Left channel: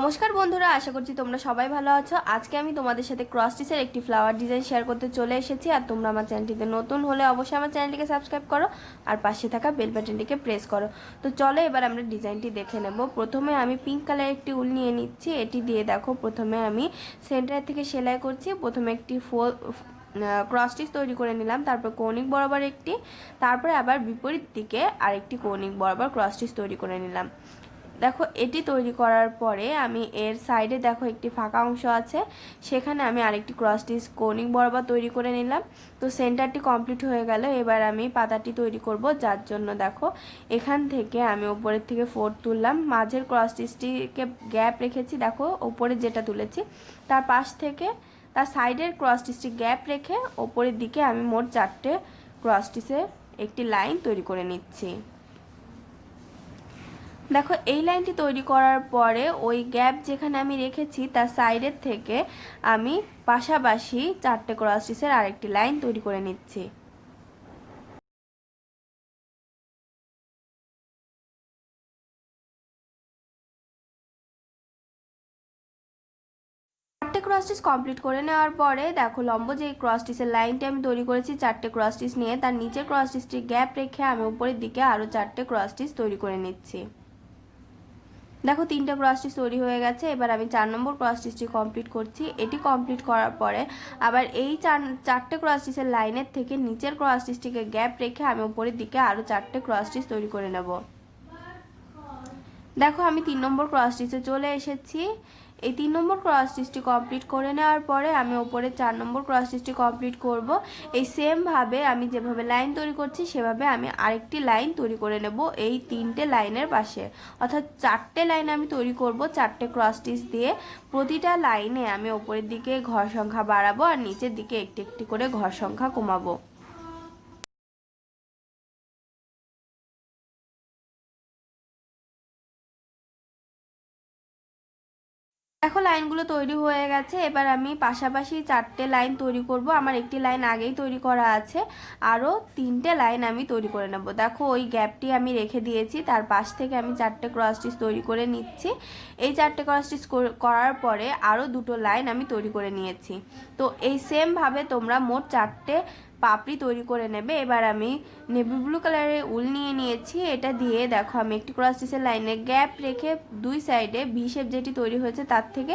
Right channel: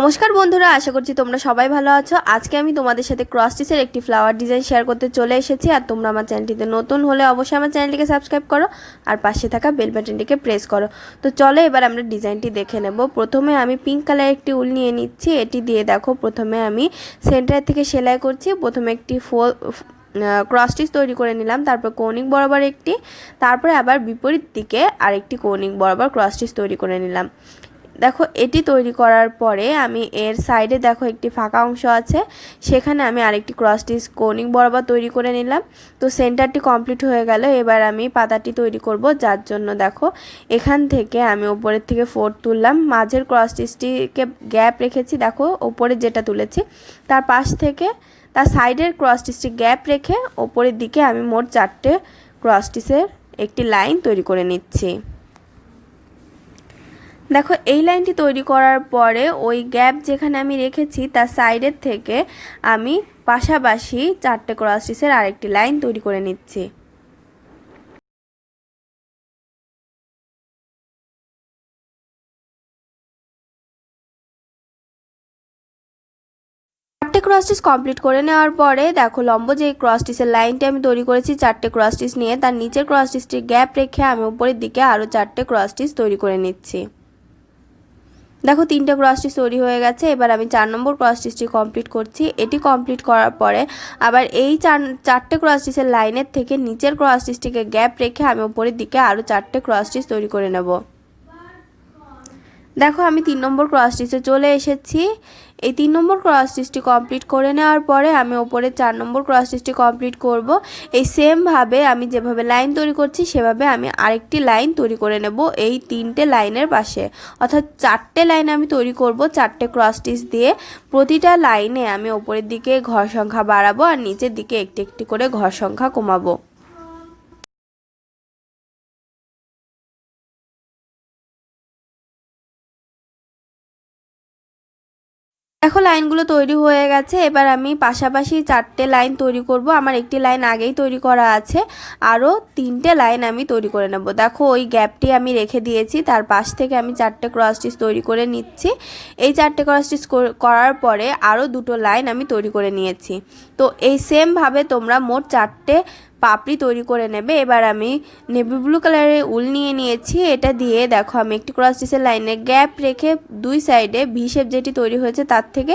নমস্কার বন্ধুরা, আশা করছি তোমরা সবাই ভালো আছো। আজকে আমি তোমাদের সাথে ক্রস স্টিচের একটি ফ্লাওয়ার ডিজাইন শেয়ার করতে চলে এসেছি। আর তোমরা আমার চ্যানেলটিতে নতুন হলে অবশ্যই আমার চ্যানেলটিকে সাবস্ক্রাইব করো আর পাশে থাকা বেল বাটনটিকে প্রেস করো। তো চলো এবার আমরা ডিজাইনটি দেখে নেব। প্রথমে আমি পিঙ্ক কালার একটি উল নিয়ে নিচ্ছি। এটি দিয়ে দেখো প্রথমে আমি সেন্টার থেকে সেলাই করছি। প্রথমে একটি ক্রস স্টিচ তৈরি করে নিলাম, তারপর কৌণিক বরাবর একটি, তারপরে আবার বিপরীত দিকে আরেকটি কৌণিক বরাবর ক্রস স্টিচ তৈরি করে নিলাম। দেখো এটি তৈরি করার পরে আমি এর সাইডে দেখো একটি ফাঁকা অংশ আছে, সেখানে আমি আরেকটি ক্রস স্টিচ কৌণিক বরাবর তৈরি করে নিলাম। তো সেন্টারটি কমপ্লিট হয়ে গেল। এবার আমি পাতাটি তৈরি করব, যার জন্য দেখো এখান থেকে আমি উপরের থেকে 4 তুললাম, মাঝের ক্রস স্টিচটিকে গ্যাপ রেখেছি। দেখো উপরে যেটা তুলেছি তার পাশ থেকে তার সাইডের ক্রস স্টিচটি গ্যাপ রেখে ওপরের দিকে আমি মোট 4টে ক্রস স্টিচের একটি লাইন তৈরি করে নিচ্ছি। দেখো এই লাইনটি তৈরি করার পরে ওই গ্যাপ যেখানে আমি রেখেছি তার সাইডের থেকে আমি পাশাপাশি 4টে ক্রস স্টিচের আরেকটি লাইন তৈরি করে নিচ্ছি। চারটে ক্রস স্টিচ কমপ্লিট করে নেওয়ার পরে দেখো লম্ব যে ক্রস স্টিচের লাইনটি আমি তৈরি করেছি 4টে ক্রস স্টিচ নিয়ে, তার নিচের ক্রস স্টিচটি গ্যাপ রেখে আমি উপরের দিকে আরও 4টে ক্রস স্টিচ তৈরি করে নিচ্ছি। দেখো 3টে ক্রস স্টিচ তৈরি হয়ে গেছে। এবার আমি 4 নম্বর ক্রস স্টিচটি কমপ্লিট করছি। এটি কমপ্লিট করার পরে আবার এই 4টে ক্রস স্টিচের লাইনের থেকে নিচের ক্রস স্টিচটিকে গ্যাপ রেখে আমি উপরের দিকে আরও 4টে ক্রস স্টিচ তৈরি করে নেব। দেখো আমি 3 নম্বর ক্রস স্টিচে চলে এসেছি। এই 3 নম্বর ক্রস স্টিচটি কমপ্লিট করে নেওয়ার পরে আমি ওপরে 4 নম্বর ক্রস স্টিচটি কমপ্লিট করব। এই সেমভাবে আমি যেভাবে লাইন তৈরি করছি সেভাবে আমি আরেকটি লাইন তৈরি করে নেব এই 3টে লাইনের পাশে, অর্থাৎ 4টে লাইন আমি তৈরি করব 4টে ক্রস স্টিচ দিয়ে। প্রতিটা লাইনে আমি ওপরের দিকে ঘর সংখ্যা বাড়াবো আর নিচের দিকে একটি একটি করে ঘর সংখ্যা কমাবো। দেখো লাইনগুলো তৈরি হয়ে গেছে। এবার আমি পাশাপাশি 4টে লাইন তৈরি করব। আমার একটি লাইন আগেই তৈরি করা আছে, আরও 3টে লাইন আমি তৈরি করে নেব। দেখো ওই গ্যাপটি আমি রেখে দিয়েছি, তার পাশ থেকে আমি 4টে ক্রস স্টিচ তৈরি করে নিচ্ছি। এই 4টে ক্রস স্টিচ করার পরে আরও 2টো লাইন আমি তৈরি করে নিয়েছি। তো এই সেমভাবে তোমরা মোট 4টে পাপড়ি তৈরি করে নেবে। এবার আমি নেভি ব্লু কালারের উল নিয়ে নিয়েছি। এটা দিয়ে দেখো আমি একটি ক্রস স্টিচের লাইনে গ্যাপ রেখে দুই সাইডে ভি শেপ যেটি তৈরি হয়েছে তার থেকে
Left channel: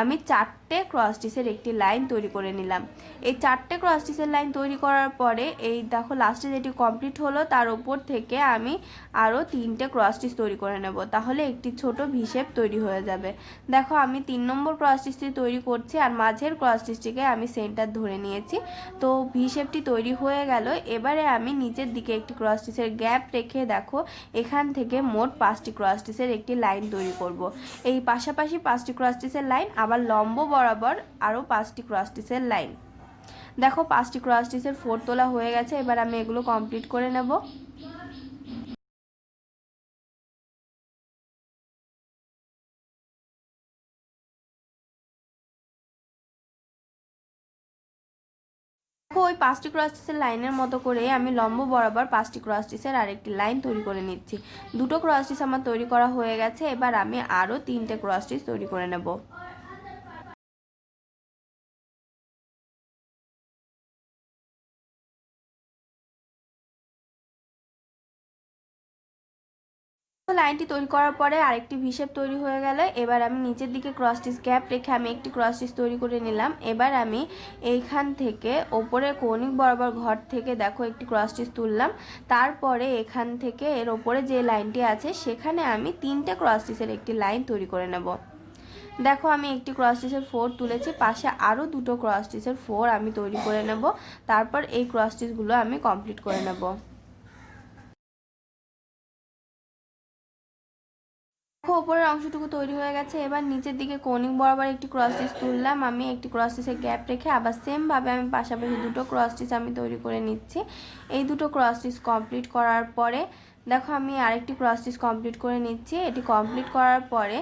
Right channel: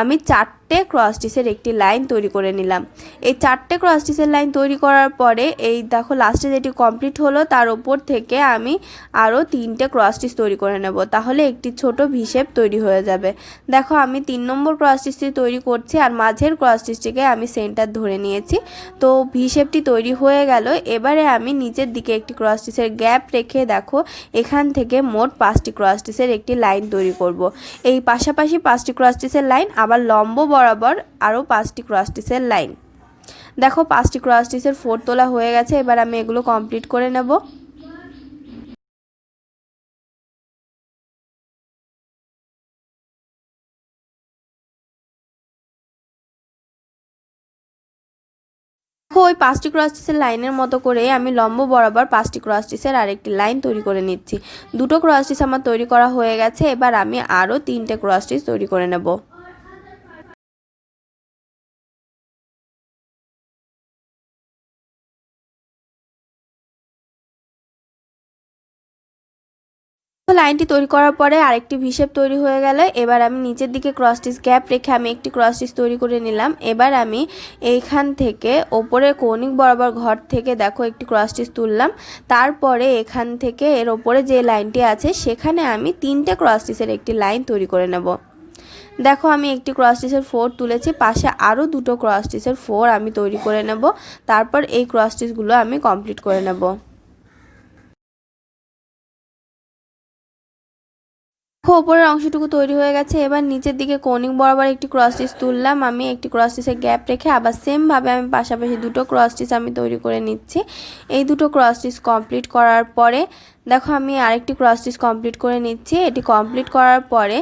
আমি 4টে ক্রস স্টিচের একটি লাইন তৈরি করে নিলাম। এই 4টে ক্রস স্টিচের লাইন তৈরি করার পরে এই দেখো লাস্টে যেটি কমপ্লিট হলো তার উপর থেকে আমি আরও 3টে ক্রস স্টিচ তৈরি করে নেব, তাহলে একটি ছোট ভি শেপ তৈরি হয়ে যাবে। দেখো আমি 3 নম্বর ক্রস স্টিচটি তৈরি করছি আর মাঝের ক্রস স্টিচটিকে আমি সেন্টার ধরে নিয়েছি। তো ভি শেপটি তৈরি হয়ে গেল। এবারে আমি নিচের দিকে একটি ক্রস স্টিচের গ্যাপ রেখে দেখো এখান থেকে মোট 5টি ক্রস স্টিচের একটি লাইন তৈরি করব। এই পাশাপাশি 5টি ক্রস স্টিচের লাইন, আবার লম্ব বরাবর আরও 5টি ক্রস স্টিচের লাইন। দেখো 5টি ক্রস স্টিচের 4 তোলা হয়ে গেছে। এবার আমি এগুলো কমপ্লিট করে নেব। ওই 5টি ক্রস স্টিচের লাইনের মতো করে আমি লম্ব বরাবর 5টি ক্রস স্টিচের আরেকটি লাইন তৈরি করে নিচ্ছি। 2টো ক্রস স্টিচ আমার তৈরি করা হয়ে গেছে। এবার আমি আরও 3টে ক্রস স্টিচ তৈরি করে নেব। লাইনটি তৈরি করার পরে আরেকটি ভি শেপ তৈরি হয়ে গেলে এবার আমি নিচের দিকে ক্রস স্টিচ গ্যাপ রেখে আমি একটি ক্রস স্টিচ তৈরি করে নিলাম। এবার আমি এইখান থেকে ওপরে কৌণিক বরাবর ঘর থেকে দেখো একটি ক্রস স্টিচ তুললাম। তারপরে এখান থেকে এর ওপরে যে লাইনটি আছে সেখানে আমি 3টে ক্রস স্টিচের একটি লাইন তৈরি করে নেব। দেখো আমি একটি ক্রস স্টিচের 4 তুলেছি, পাশে আরও 2টো ক্রস স্টিচের 4 আমি তৈরি করে নেব। তারপর এই ক্রস স্টিচগুলো আমি কমপ্লিট করে নেব। উপরের অংশটুকু তৈরি হয়ে গেছে। এবার নিচের দিকে কৌণিক বরাবর একটি ক্রস স্টিচ তুললাম। আমি একটি ক্রস স্টিচের গ্যাপ রেখে আবার সেমভাবে আমি পাশাপাশি 2টো ক্রস স্টিচ আমি তৈরি করে নিচ্ছি। এই 2টো ক্রস স্টিচ কমপ্লিট করার পরে দেখো আমি আরেকটি ক্রস স্টিচ কমপ্লিট করে নিচ্ছি। এটি কমপ্লিট করার পরে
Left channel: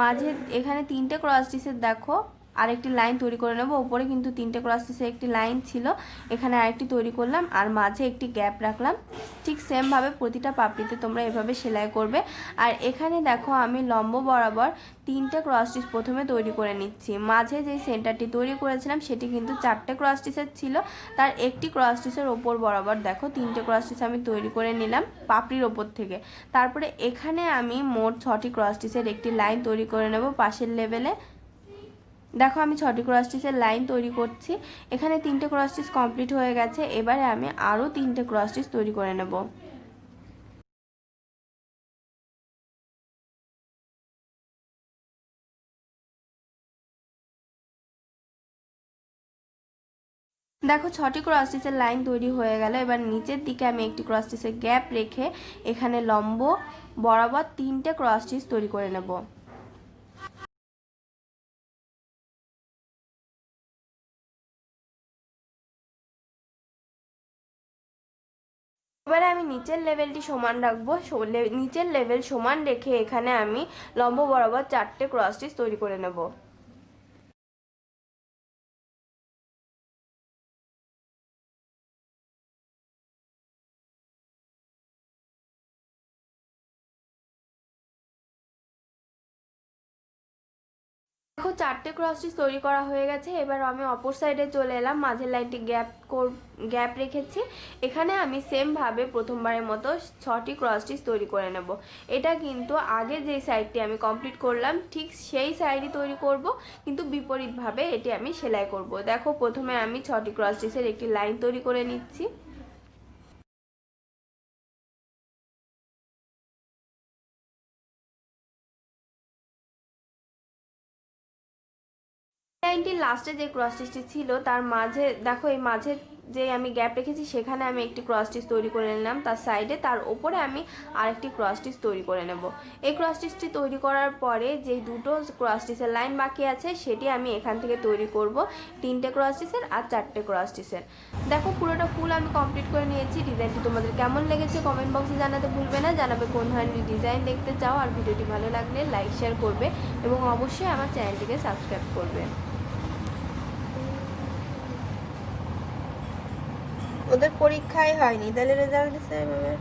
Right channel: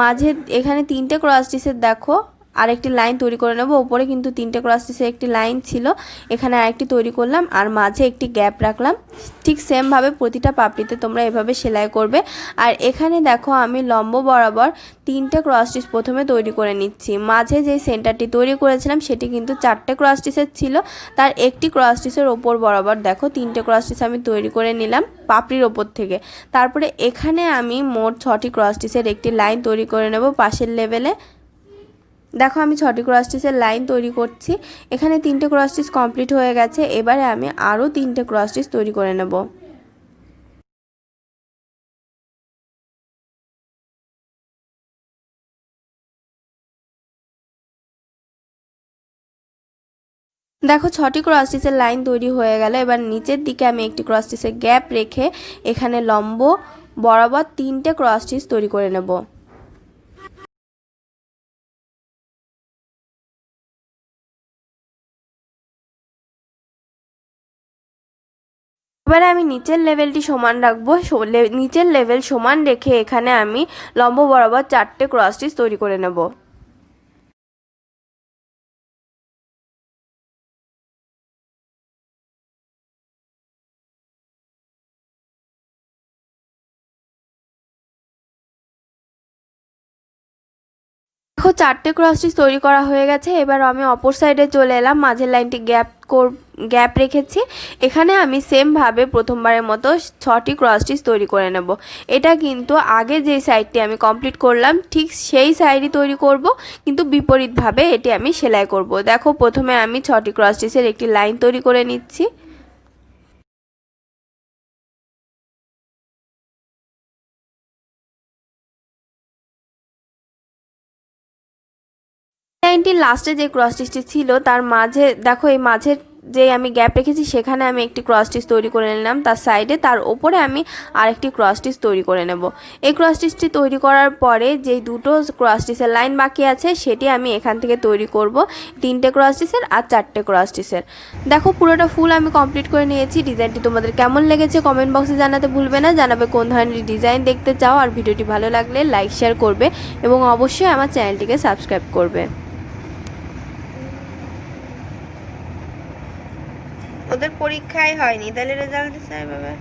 মাঝে এখানে 3টে ক্রস স্টিচের দেখো আরেকটি লাইন তৈরি করে নেব। ওপরে কিন্তু 3টে ক্রস স্টিচের একটি লাইন ছিল, এখানে আরেকটি তৈরি করলাম আর মাঝে একটি গ্যাপ রাখলাম। ঠিক সেমভাবে প্রতিটা পাপড়িতে তোমরা এভাবে সেলাই করবে। আর এখানে দেখো আমি লম্ব বরাবর 3টে ক্রস স্টিচ প্রথমে তৈরি করে নিচ্ছি। মাঝে যে সেন্টারটি তৈরি করেছিলাম সেটি কিন্তু 4টে ক্রস স্টিচের ছিল, তার একটি ক্রস স্টিচের ওপর বরাবর দেখো 3টে ক্রস স্টিচ আমি তৈরি করে নিলাম পাপড়ির ওপর থেকে। তারপরে এখানে আমি মোট 6টি ক্রস স্টিচের একটি লাইন তৈরি করে নেব পাশের লেভেলে। দেখো আমি 6টি ক্রস স্টিচের লাইন তৈরি করছি। এখানে 3টে ক্রস স্টিচ কমপ্লিট হয়ে গেছে, এবারে আমি আরও 3টে ক্রস স্টিচ তৈরি করে নেব। দেখো 6টি ক্রস স্টিচের লাইন তৈরি হয়ে গেল। এবার নিচের দিকে আমি একটি ক্রস স্টিচের গ্যাপ রেখে এখানে লম্ব বরাবর 3টে ক্রস স্টিচ তৈরি করে নেব। এবারে আমি নিচের লেভেলটি সমান রাখবো, নিচের লেভেল সমান রেখে এখানে আমি লম্ব বরাবর 4টে ক্রস স্টিচ তৈরি করে নেব। দেখো 4টে ক্রস স্টিচ তৈরি করা হয়ে গেছে। এবার আমি অপর সাইডে চলে এলাম, মাঝের লাইনটি গ্যাপ রেখেছি। এখানে আমি সেমভাবে প্রথমবারের মতো 6টি ক্রস স্টিচ তৈরি করে নেব। এটা কিন্তু আগে যে সাইডটি আমি কমপ্লিট করলাম ঠিক সেই সাইডই তৈরি করব, কিন্তু বিপরীতভাবে এটি আমি সেলাই করব। দেখো প্রথমে আমি 6টি ক্রস স্টিচের একটি লাইন তৈরি করে নিচ্ছি। লাইনটির লাস্টে যে ক্রস স্টিচটি ছিল তার মাঝে দেখো এই মাঝের যে আমি গ্যাপ রেখেছি সেখানে আমি একটি ক্রস স্টিচ তৈরি করে নিলাম, তার সাইডে তার ওপরে আমি আরেকটি ক্রস স্টিচ তৈরি করে নেব। এই ক্রস স্টিচটি তৈরি করার পরে যে দুটো ক্রস স্টিচের লাইন বাকি আছে সেটি আমি এখান থেকে তৈরি করব 3টে ক্রস স্টিচের আর 4টে ক্রস স্টিচের। দেখো পুরোটা ফুল আমি কমপ্লিট করে নিয়েছি। ডিজাইনটি তোমাদের কেমন লেগেছে কমেন্ট বক্সে জানাতে ভুলবে না, জানাবে কোন ধরনের ডিজাইন দেখতে চাও। আর ভিডিওটি ভালো লাগলে লাইক শেয়ার করবে এবং অবশ্যই আমার চ্যানেলটিকে সাবস্ক্রাইব করবে। ওদের পরীক্ষাই হয়নি, তাহলে রেজাল্ট দিচ্ছে এভাবে।